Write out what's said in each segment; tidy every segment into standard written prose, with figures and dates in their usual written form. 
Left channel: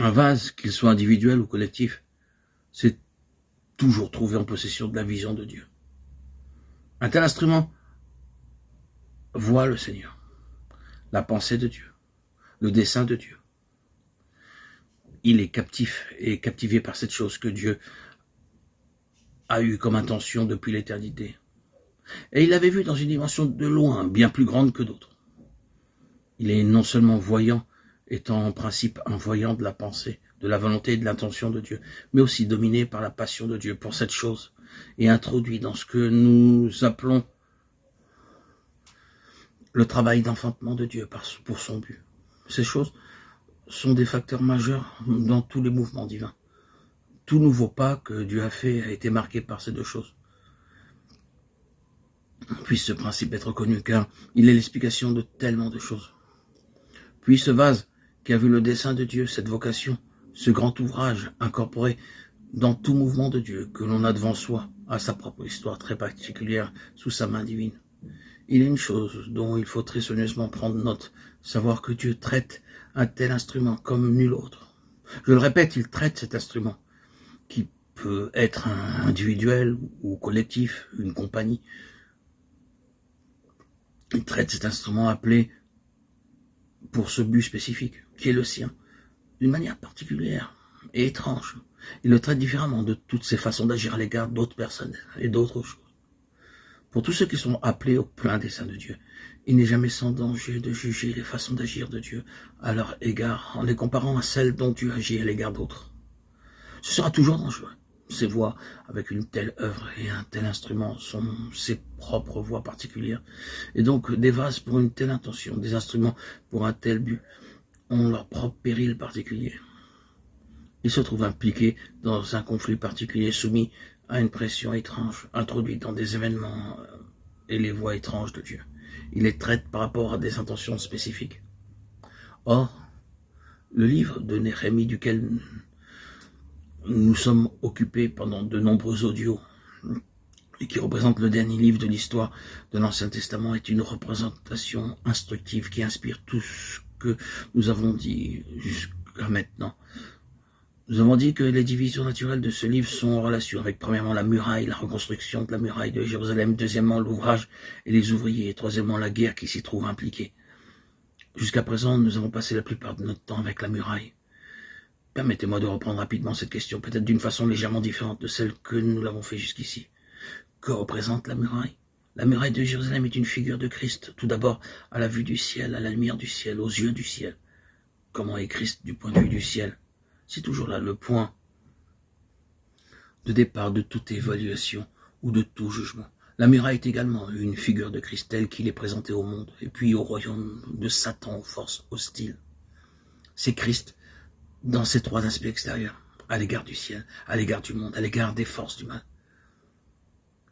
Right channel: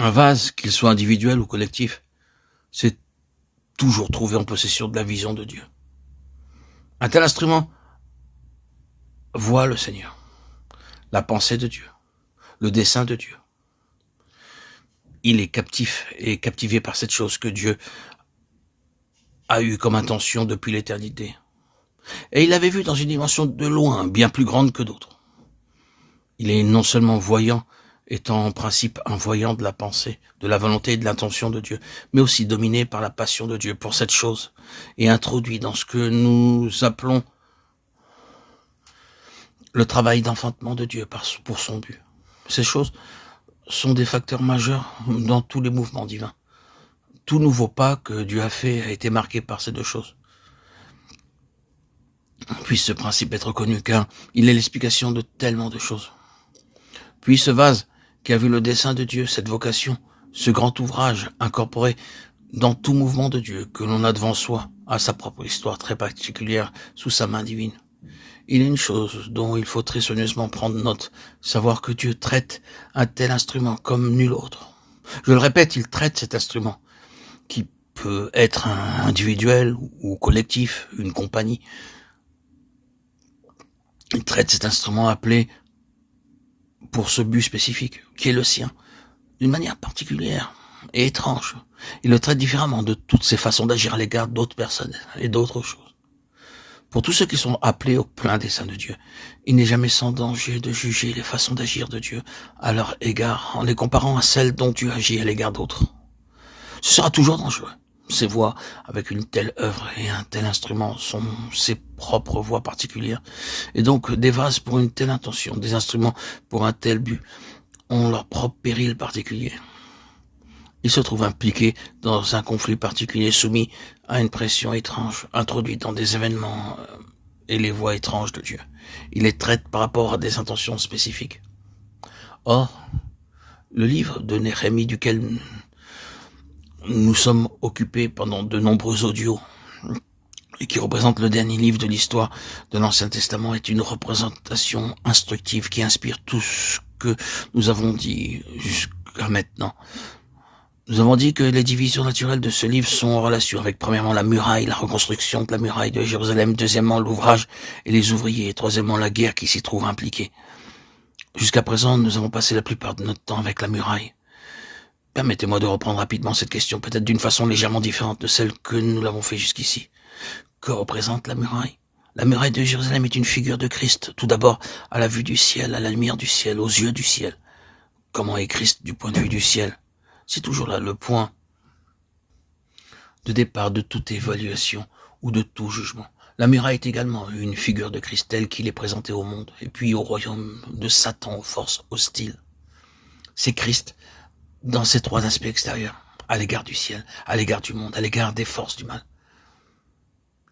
Un vase, qu'il soit individuel ou collectif, c'est toujours trouvé en possession de la vision de Dieu. Un tel instrument voit le Seigneur, la pensée de Dieu, le dessein de Dieu. Il est captif et captivé par cette chose que Dieu a eue comme intention depuis l'éternité. Et il l'avait vu dans une dimension de loin, bien plus grande que d'autres. Il est non seulement voyant, étant en principe un voyant de la pensée, de la volonté et de l'intention de Dieu, mais aussi dominé par la passion de Dieu pour cette chose, et introduit dans ce que nous appelons le travail d'enfantement de Dieu pour son but. Ces choses sont des facteurs majeurs dans tous les mouvements divins. Tout nouveau pas que Dieu a fait a été marqué par ces deux choses. Puisse ce principe être connu, car il est l'explication de tellement de choses. Puis ce vase qui a vu le dessein de Dieu, cette vocation, ce grand ouvrage incorporé dans tout mouvement de Dieu que l'on a devant soi, a sa propre histoire très particulière sous sa main divine. Il y a une chose dont il faut très soigneusement prendre note, savoir que Dieu traite un tel instrument comme nul autre. Je le répète, il traite cet instrument, qui peut être un individuel ou collectif, une compagnie. Il traite cet instrument appelé pour ce but spécifique, qui est le sien, d'une manière particulière et étrange. Il le traite différemment de toutes ses façons d'agir à l'égard d'autres personnes et d'autres choses. Pour tous ceux qui sont appelés au plein dessein de Dieu, il n'est jamais sans danger de juger les façons d'agir de Dieu à leur égard en les comparant à celles dont Dieu agit à l'égard d'autres. Ce sera toujours dangereux. Ses voix avec une telle œuvre et un tel instrument sont ses propres voix particulières. Et donc des vases pour une telle intention, des instruments pour un tel but, ont leur propre péril particulier. Ils se trouvent impliqués dans un conflit particulier, soumis à une pression étrange, introduite dans des événements et les voies étranges de Dieu. Il les traite par rapport à des intentions spécifiques. Or, le livre de Néhémie, duquel nous sommes occupés pendant de nombreux audios, et qui représente le dernier livre de l'histoire de l'Ancien Testament, est une représentation instructive qui inspire tout ce que nous avons dit jusqu'à maintenant. Nous avons dit que les divisions naturelles de ce livre sont en relation avec, premièrement, la muraille, la reconstruction de la muraille de Jérusalem, deuxièmement, l'ouvrage et les ouvriers, et troisièmement, la guerre qui s'y trouve impliquée. Jusqu'à présent, nous avons passé la plupart de notre temps avec la muraille. Permettez-moi de reprendre rapidement cette question, peut-être d'une façon légèrement différente de celle que nous l'avons fait jusqu'ici. Que représente la muraille? La muraille de Jérusalem est une figure de Christ, tout d'abord à la vue du ciel, à la lumière du ciel, aux yeux du ciel. Comment est Christ du point de vue du ciel? C'est toujours là le point de départ de toute évaluation ou de tout jugement. La muraille est également une figure de Christ telle qu'il est présenté au monde, et puis au royaume de Satan, aux forces hostiles. C'est Christ dans ces trois aspects extérieurs, à l'égard du ciel, à l'égard du monde, à l'égard des forces du mal.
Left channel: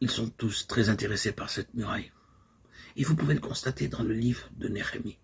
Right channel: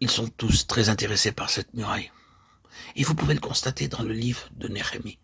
Ils sont tous très intéressés par cette muraille. Et vous pouvez le constater dans le livre de Néhémie.